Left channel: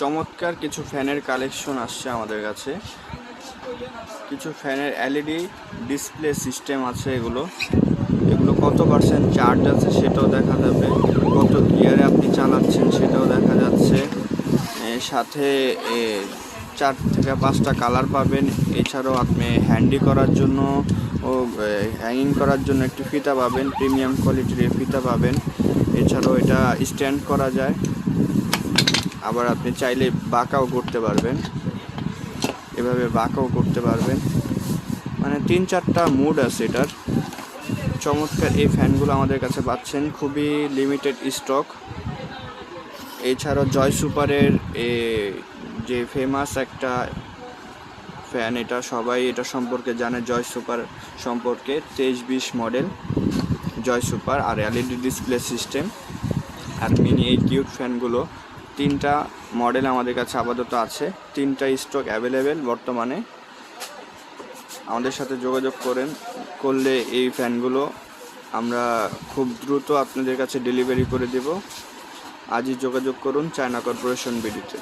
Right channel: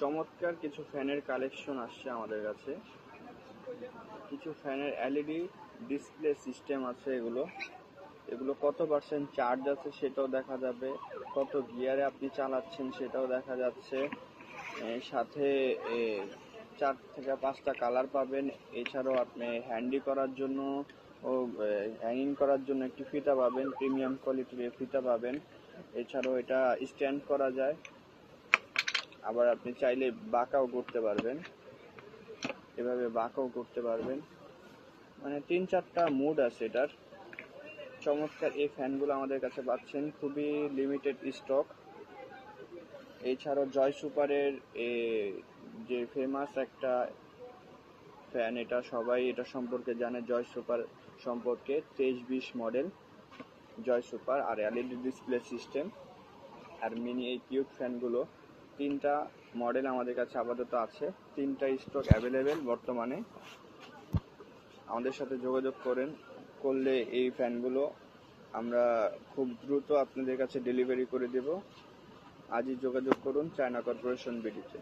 চমৎকার কিছু ফ্যানের কালেকশন আসছে আমাদের কাছে। কিছু ফ্যানের এলইডি ডিসপ্লে সিস্টেম আছে। এগুলো কত পার্সেন্ট চার্জ আছে সেটাও দেখা যাবে, কত গিয়ারে আপনি চালাচ্ছেন সেটাও দেখা যাচ্ছে। সাথে 4 থেকে 5টা কালার পাবেন। এছাড়াও আপনি হ্যান্ডি করার জন্য ও হ্যাঙ্গিং করার জন্য একটি ফিতা পাবেন, প্রিমিয়াম কোয়ালিটির ফিতা পাবেন। এছাড়াও এটা স্ট্যান্ড করা যায়, আবার আপনি চাইলে বাঁকাও করতে পারবেন, এভাবে বাঁকাও করতে পারবেন। মানে 3-4টা মুড আছে এটার। চমৎকার এই ফ্যানগুলো আমাদের কাছে পাচ্ছেন, খুবই লিমিটেড স্টক। এছাড়াও জয় সুপারের যে ফেমাস একটা ফ্যান, এটা সবাই এটা সম্পর্কে জানে, জয় সুপার সম্পর্কে। 2320 মডেল জয় সুপার, আর এলইডি ডিসপ্লে সিস্টেম, আর মিনি এই কিউট ফ্যানগুলো 3টা মডেল আমাদের কাছে আপাতত আছে। 3টা স্টক অ্যাভেলেবেল বর্তমানে। আমাদের সাথে যোগাযোগ করলে এই ফ্যানগুলো আমরা খুব দ্রুত আপনাদের কাছে ডেলিভারি করে দেব। আজই যোগাযোগ করুন চায়না কর্পোরেশন বিডিতে।